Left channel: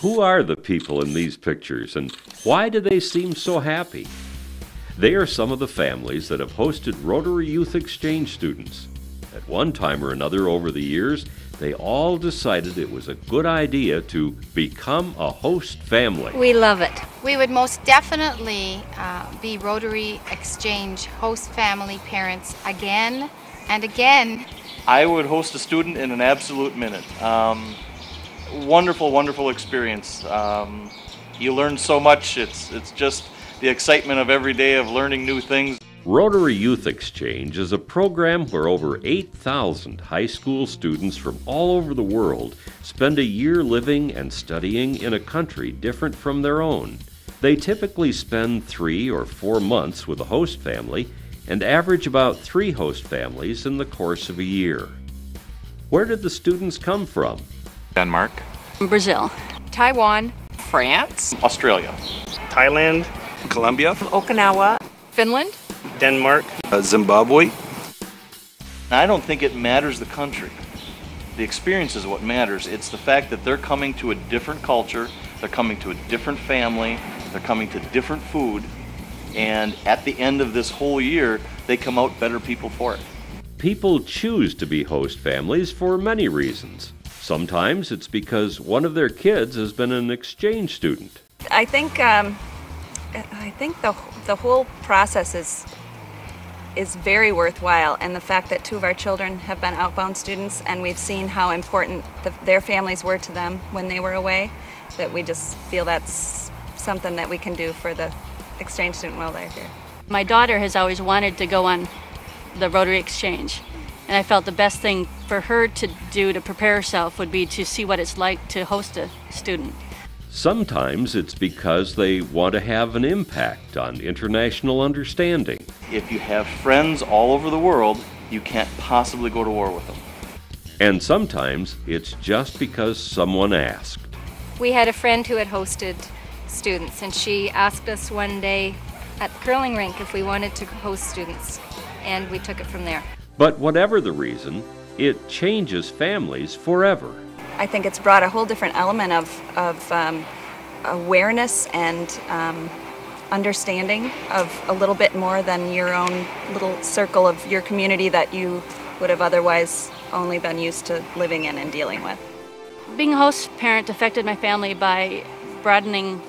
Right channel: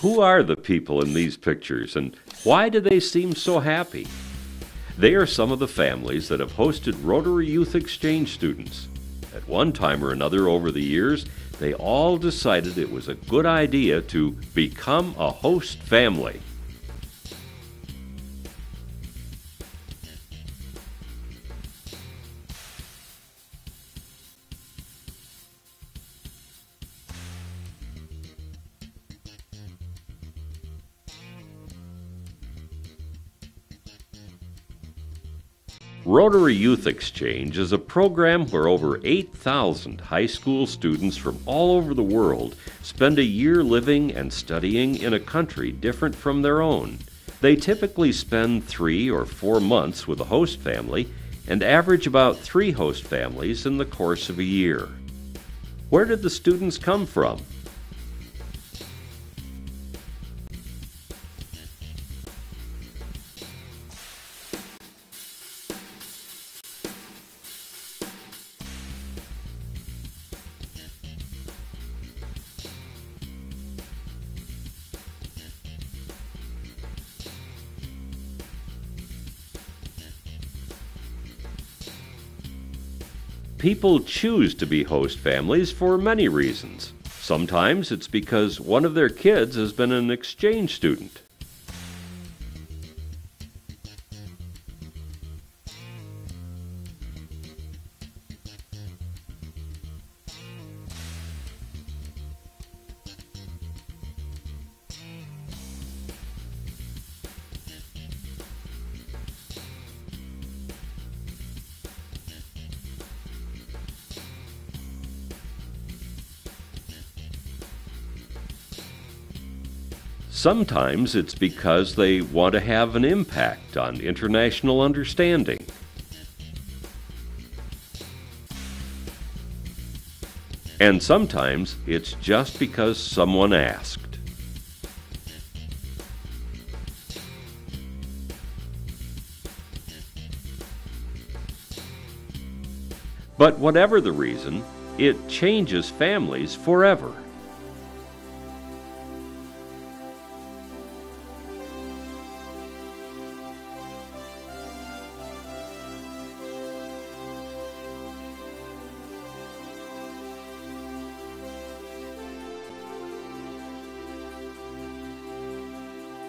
Who are the people in these pictures, and why do they seem so happy? They are some of the families that have hosted Rotary Youth Exchange students. At one time or another over the years, they all decided it was a good idea to become a host family. We love it. We would most definitely be Rotary Exchange host family parents again and again. I would host a student in an absolute minute. Wonderful, wonderful experience. You learn so much. It's just the excitement of every day of learning new things. Rotary Youth Exchange is a program where over 8,000 high school students from all over the world spend a year living and studying in a country different from their own. They typically spend 3 or 4 months with a host family and average about 3 host families in the course of a year. Where did the students come from? Denmark, Brazil, Taiwan, France, Australia, Thailand, Colombia, Okinawa, Finland, Denmark, Zimbabwe. And I don't think it matters the country. The experience is what matters. It's the fact that they're coming to a different culture, they're coming to a different family, they're coming to different food, and at the end of this whole year, they come out better people for it. People choose to be host families for many reasons. Sometimes it's because one of their kids has been an exchange student. I think the whole process is very worthwhile, and the fact that 2 of our children have been outbound students, and we've seen how important their families were to them when they were away, that we just feel that's something that we can do for the exchange student while they're here. My daughter has always wanted to go on the Rotary Exchange, and I felt the best thing for her to do to prepare herself would be to see what it's like to host a student. Sometimes it's because they want to have an impact on international understanding. If you have friends all over the world, you can't possibly go to war with them. And sometimes it's just because someone asked. We had a friend who had hosted students, and she asked us one day at the curling rink if we wanted to host students, and we took it from there. But whatever the reason, it changes families forever. I think it's brought a whole different element of awareness and understanding of a little bit more than your own little circle of your community that you would have otherwise only been used to living in and dealing with. Being a host parent affected my family by broadening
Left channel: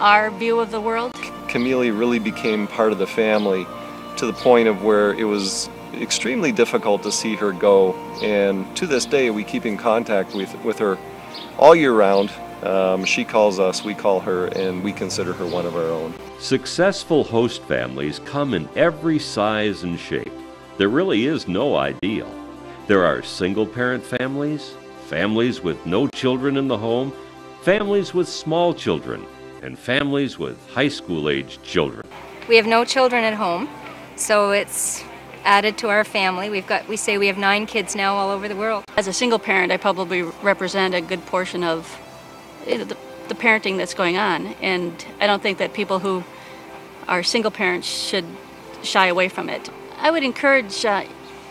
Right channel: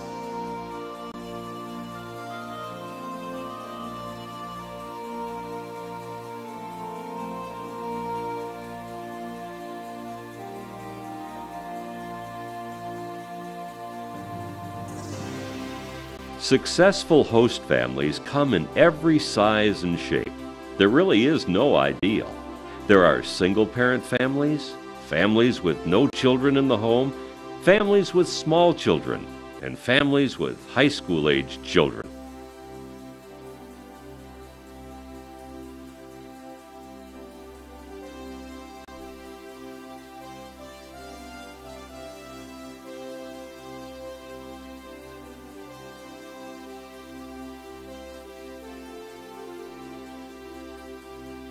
our view of the world. Camille really became part of the family to the point of where it was extremely difficult to see her go, and to this day we keep in contact with her all year round. She calls us, we call her, and we consider her one of our own. Successful host families come in every size and shape. There really is no ideal. There are single-parent families, families with no children in the home, families with small children, and families with high school-aged children. We have no children at home, so it's added to our family. We say we have 9 kids now all over the world. As a single parent, I probably represent a good portion of the parenting that's going on, and I don't think that people who are single parents should shy away from it. I would encourage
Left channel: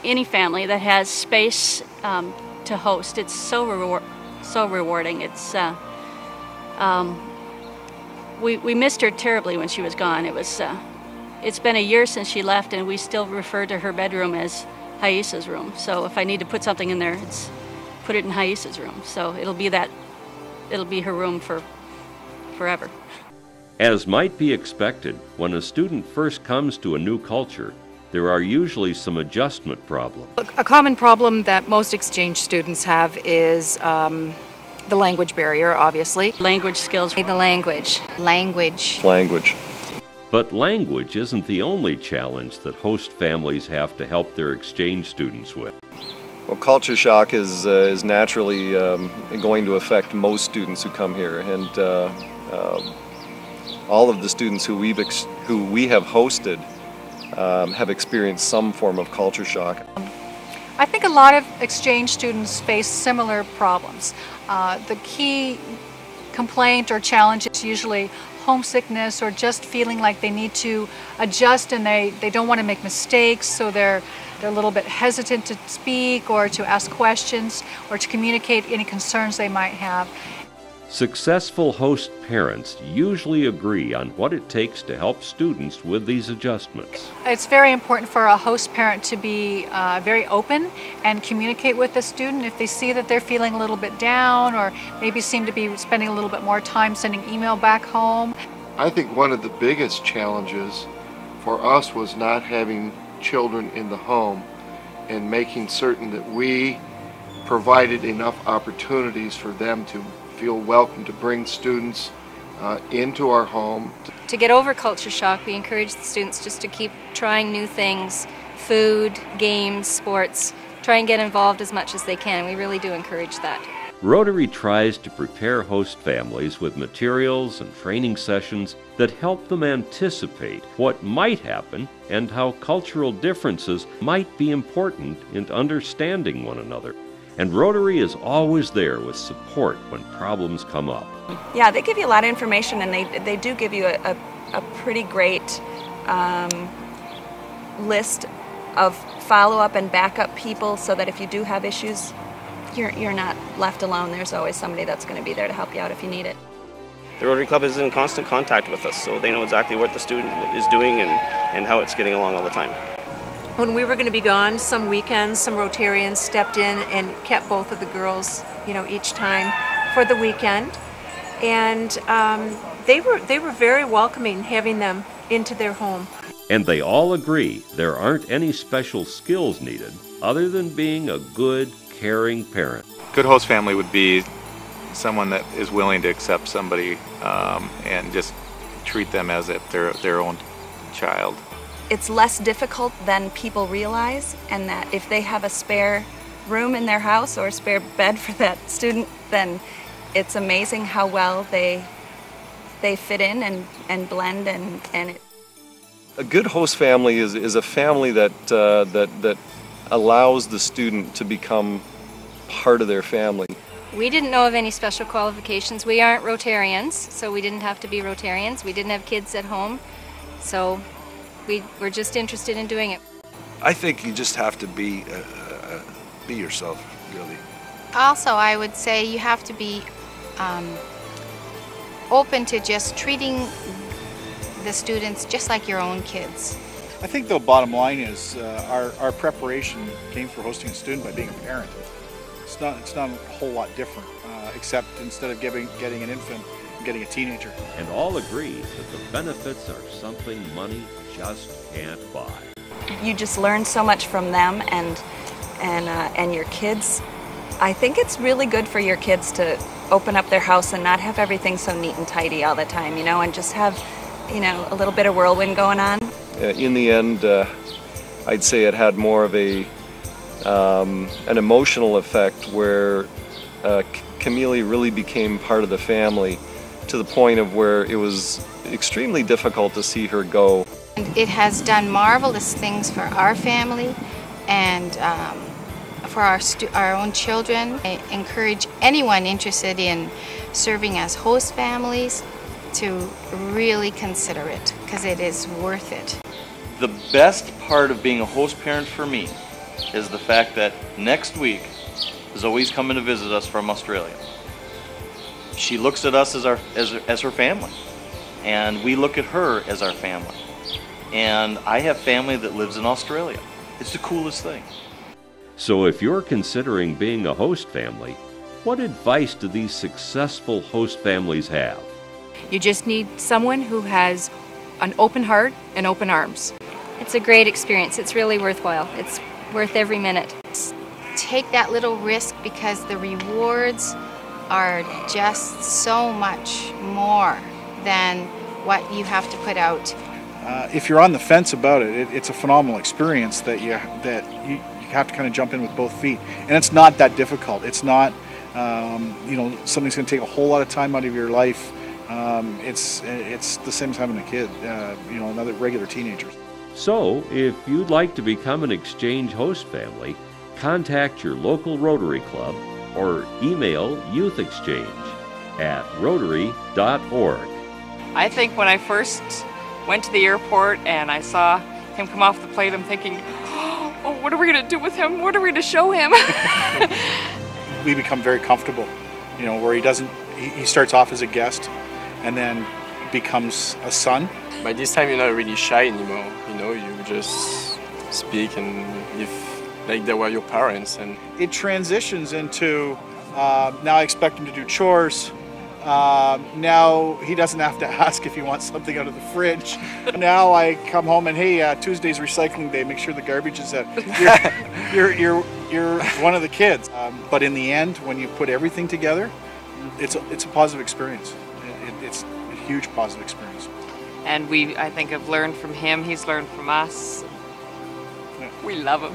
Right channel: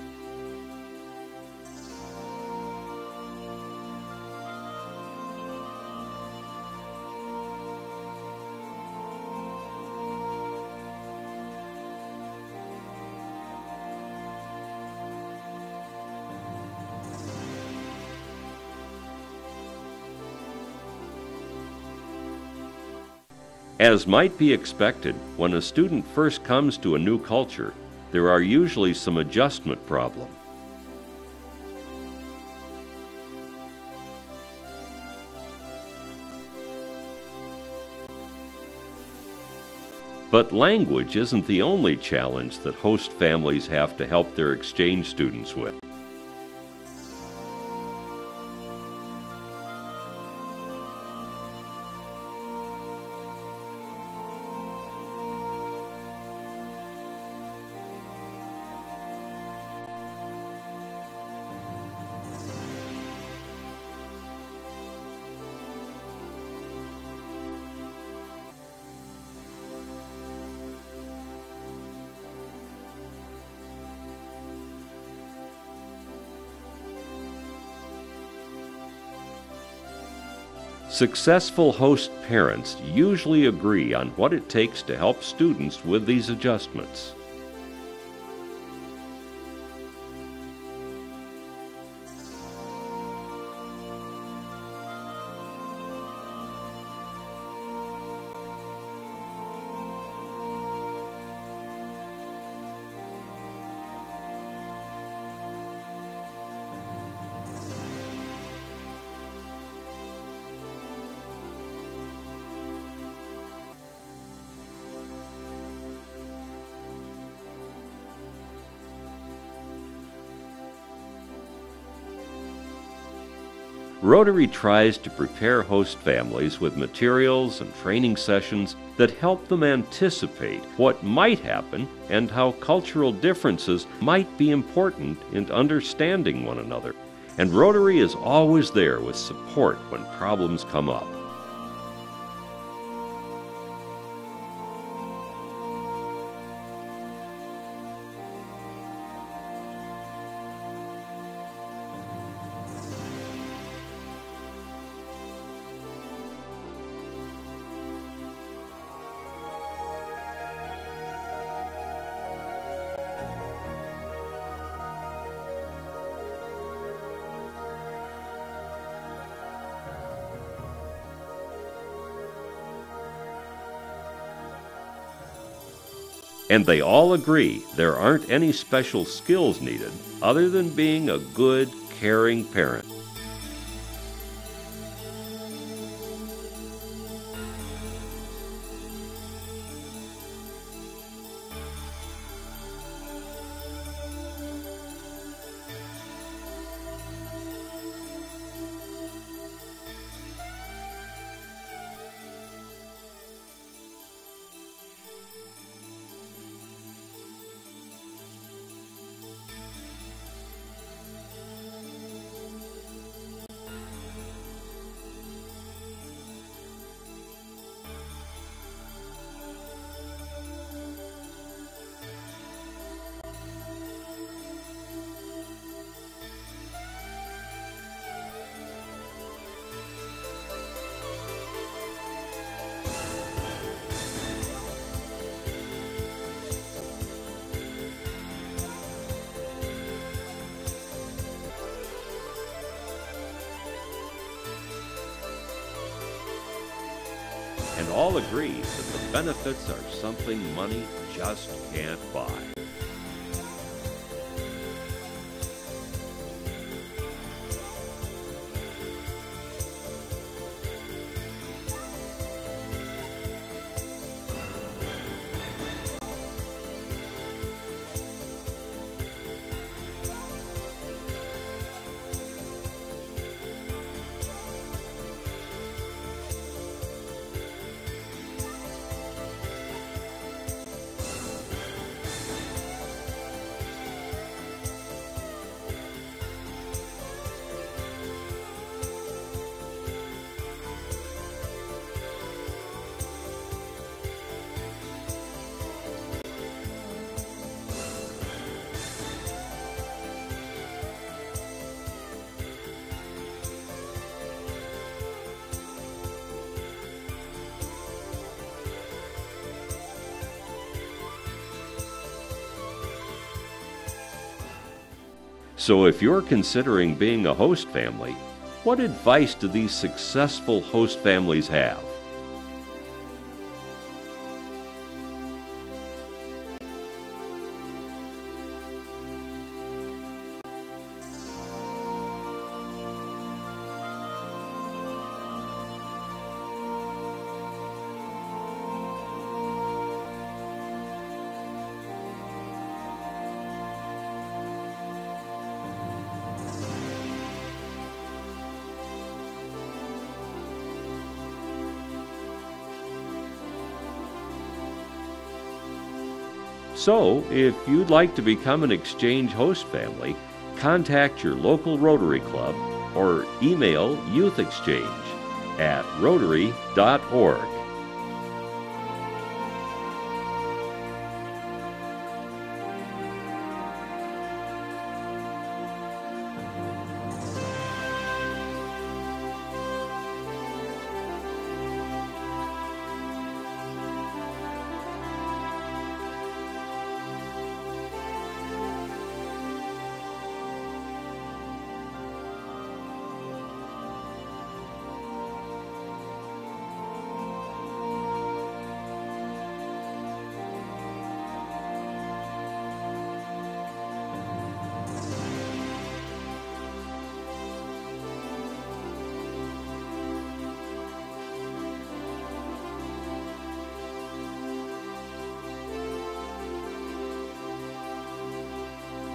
any family that has space to host. It's so rewarding. It's we missed her terribly when she was gone. It's been a year since she left, and we still refer to her bedroom as Haisa's room. So if I need to put something in there, put it in Haisa's room. So it'll be her room for forever. As might be expected, when a student first comes to a new culture, there are usually some adjustment problems. A common problem that most exchange students have is the language barrier, obviously. Language skills. The language. But language isn't the only challenge that host families have to help their exchange students with. Well, culture shock is naturally going to affect most students who come here, and all of the students who we have hosted have experienced some form of culture shock. I think a lot of exchange students face similar problems. The key complaint or challenge is usually homesickness, or just feeling like they need to adjust and they don't want to make mistakes, so they're a little bit hesitant to speak or to ask questions or to communicate any concerns they might have. Successful host parents usually agree on what it takes to help students with these adjustments. It's very important for a host parent to be very open and communicate with the student if they see that they're feeling a little bit down or maybe seem to be spending a little bit more time sending email back home. I think one of the biggest challenges for us was not having children in the home and making certain that we provided enough opportunities for them to feel welcome to bring students into our home. To get over culture shock, we encourage the students just to keep trying new things, food, games, sports, try and get involved as much as they can. We really do encourage that. Rotary tries to prepare host families with materials and training sessions that help them anticipate what might happen and how cultural differences might be important in understanding one another. And Rotary is always there with support when problems come up. Yeah, they give you a lot of information, and they do give you a pretty great list of follow-up and backup people so that if you do have issues, you're not left alone. There's always somebody that's going to be there to help you out if you need it. The Rotary Club is in constant contact with us, so they know exactly what the student is doing and how it's getting along all the time. When we were going to be gone, some weekends, some Rotarians stepped in and kept both of the girls, each time for the weekend. And they were very welcoming having them into their home. And they all agree there aren't any special skills needed other than being a good, caring parent. Good host family would be someone that is willing to accept somebody and just treat them as if they're their own child. It's less difficult than people realize, and that if they have a spare room in their house or a spare bed for that student, then it's amazing how well they fit in and blend and it. A good host family is a family that allows the student to become part of their family. We didn't know of any special qualifications. We aren't Rotarians, so we didn't have to be Rotarians. We didn't have kids at home, so we were just interested in doing it. I think you just have to be yourself, really. Also, I would say you have to be open to just treating the students just like your own kids. I think the bottom line is our preparation came for hosting a student by being a parent. It's not a whole lot different, except instead of getting an infant, getting a teenager. And all agree that the benefits are something money just can't buy. You just learn so much from them and your kids. I think it's really good for your kids to open up their house and not have everything so neat and tidy all the time, and just have, a little bit of whirlwind going on. In the end, I'd say it had more of an emotional effect where Camille really became part of the family to the point of where it was extremely difficult to see her go. It has done marvelous things for our family and for our own children. I encourage anyone interested in serving as host families to really consider it, because it is worth it. The best part of being a host parent for me is the fact that next week Zoe's coming to visit us from Australia. She looks at us as her family, and we look at her as our family. And I have family that lives in Australia. It's the coolest thing. So if you're considering being a host family, what advice do these successful host families have? You just need someone who has an open heart and open arms. It's a great experience. It's really worthwhile. It's worth every minute. Take that little risk because the rewards are just so much more than what you have to put out. If you're on the fence about it, it's a phenomenal experience that you have to kind of jump in with both feet. And it's not that difficult. It's not, something's going to take a whole lot of time out of your life. It's the same as having a kid, another regular teenager. So, if you'd like to become an exchange host family, contact your local Rotary Club or email youthexchange@rotary.org. I think when I first went to the airport and I saw him come off the plane, I'm thinking, oh, what are we going to do with him? What are we going to show him? We become very comfortable, where he doesn't he starts off as a guest and then becomes a son. By this time, you're not really shy anymore. You know, you just speak and if like they were your parents. And it transitions into now I expect him to do chores. Now he doesn't have to ask if he wants something out of the fridge. Now I come home and hey, Tuesday's recycling day. Make sure the garbage is out. You're one of the kids. But in the end, when you put everything together, it's a positive experience. It's a huge positive experience. And we, I think, have learned from him. He's learned from us. We love him.